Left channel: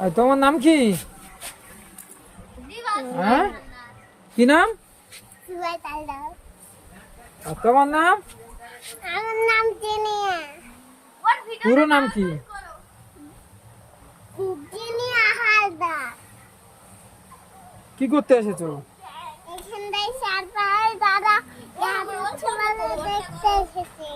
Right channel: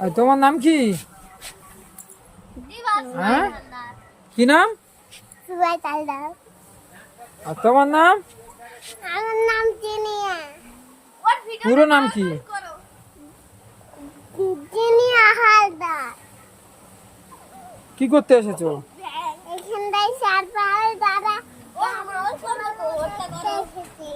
আর তোমার নাম কি? হ্যাঁ, কি নাম? আর তোমার নাম? আমার নাম জিনিয়া। পুরো নাম কি? জিনিয়া হালদার। কি করতে এসেছো? এখানটায় চার পাহাড় দাদা দেখতে এসেছি।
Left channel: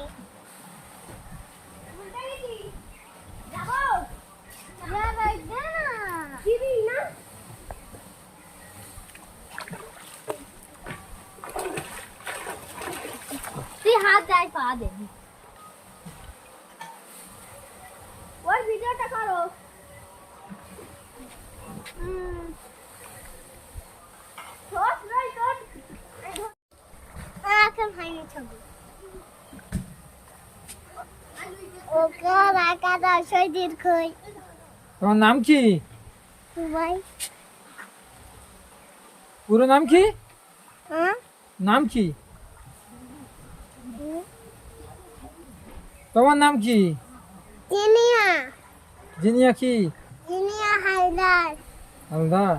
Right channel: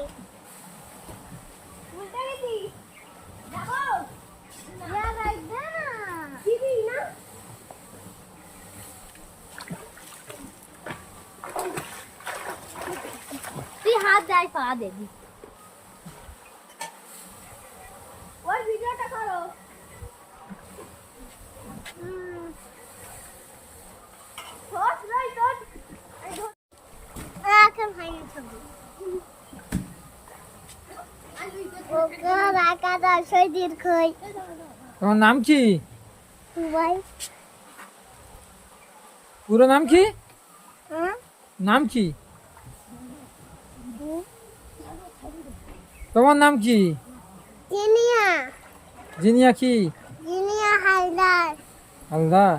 তুই হাত যায় পা দেবি। ওর ভিডিওটা করো। এখন হয়নি ছবি। ওকে রাখা দশই দীর্ঘই। তোমার নাম কি? দুবাই। পুরো নাম কি? হ্যাঁ? নাম কি? তোমার নাম কি? জিনিয়া। জিনিয়া কি? জিনিয়া হালদার। হালদার।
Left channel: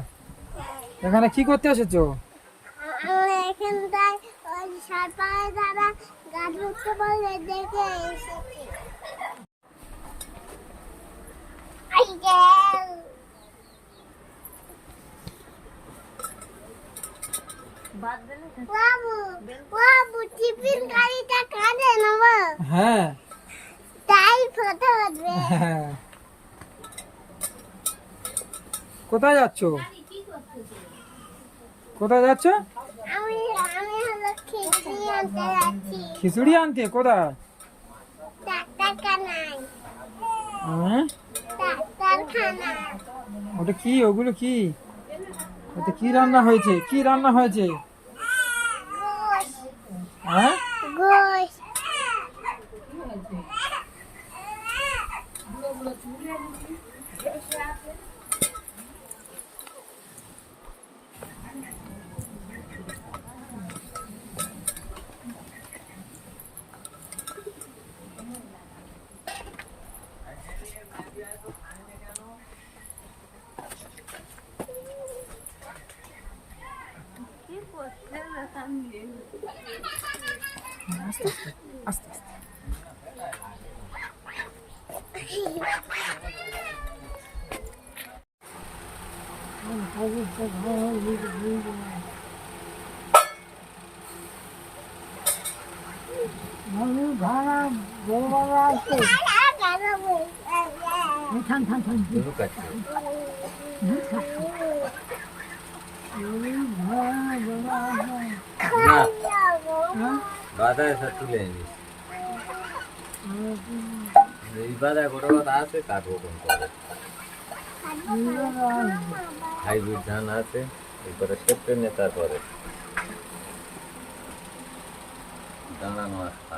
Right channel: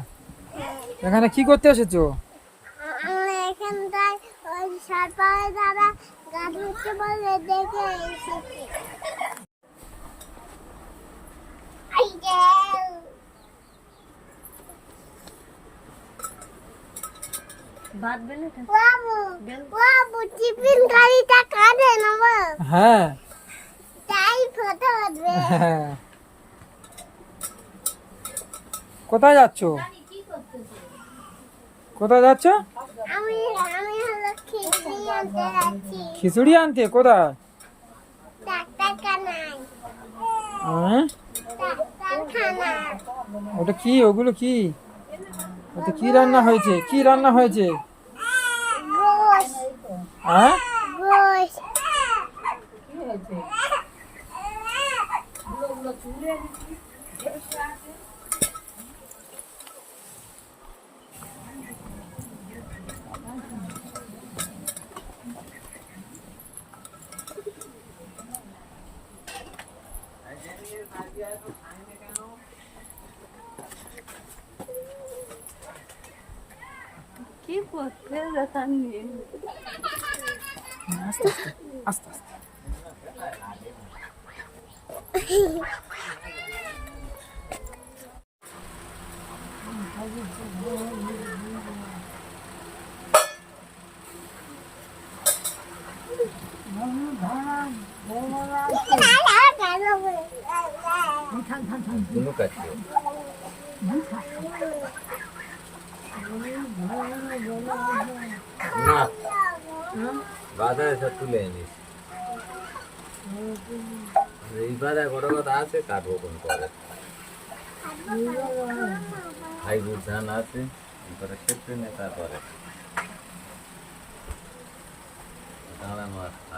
এখানে কি করতে এসেছো? আমরা এখানটায় ওই সাত পাহাড় দাদা গা ধরতে বলে দেখে এসেছি। বাবু বাবু টিফিন গাড়িটা কাঁদে নেব। হ্যাঁ। তাই ফটো উঠবে। কোথায় যাচ্ছ? কোথায় যাচ্ছ? আমি আমি হলো খিচুড়ি আনতে যাচ্ছি। খিচুড়ি আনতে? কোথায়? ডাক্তারখানায়। হ্যাঁ? ডাক্তারখানা। ওটা কি? ওগুলো কি? ওটা কি রান্না হয়েছে? কি রান্না হয়েছে? গোশ। হ্যাঁ? গোশ। আস্তে আস্তে আস্তে আস্তে। না বাধা এসব তুলে নিস এই বাধা কোনো কথা আছে কাটবো কোন করে হাইব্রিড ধান আছে এরপরে কেটে নে তারপরে দাঁড়ানো আসতে